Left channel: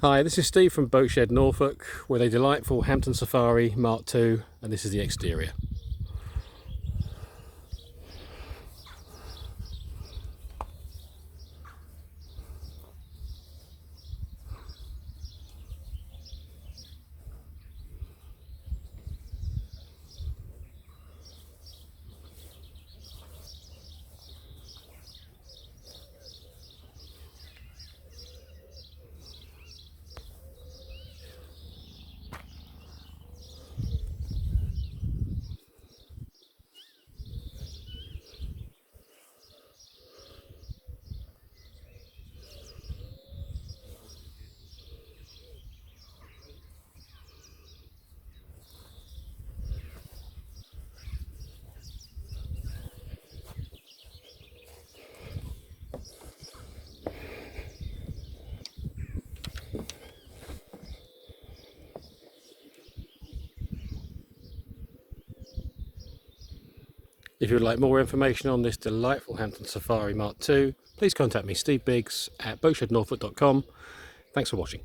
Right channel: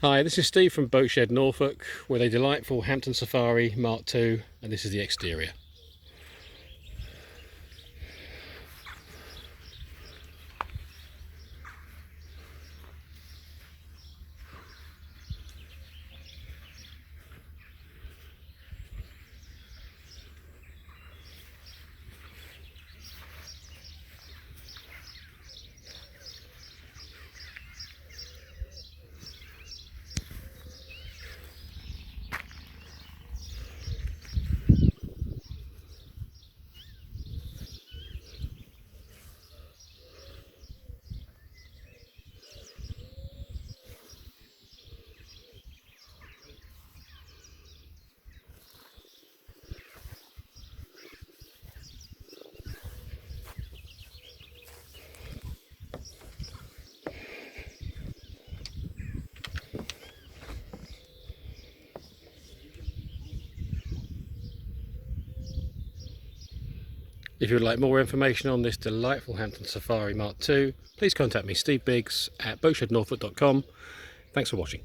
Hi, this is Steve from Boatshed, Norfolk, with a delightful Hampton Safari Mark II, and this is the exterior. If you would like more information on this delightful Hampton Safari Mark II, please contact me, Steve Biggs, at boatshednorfolk.com. Thanks for watching.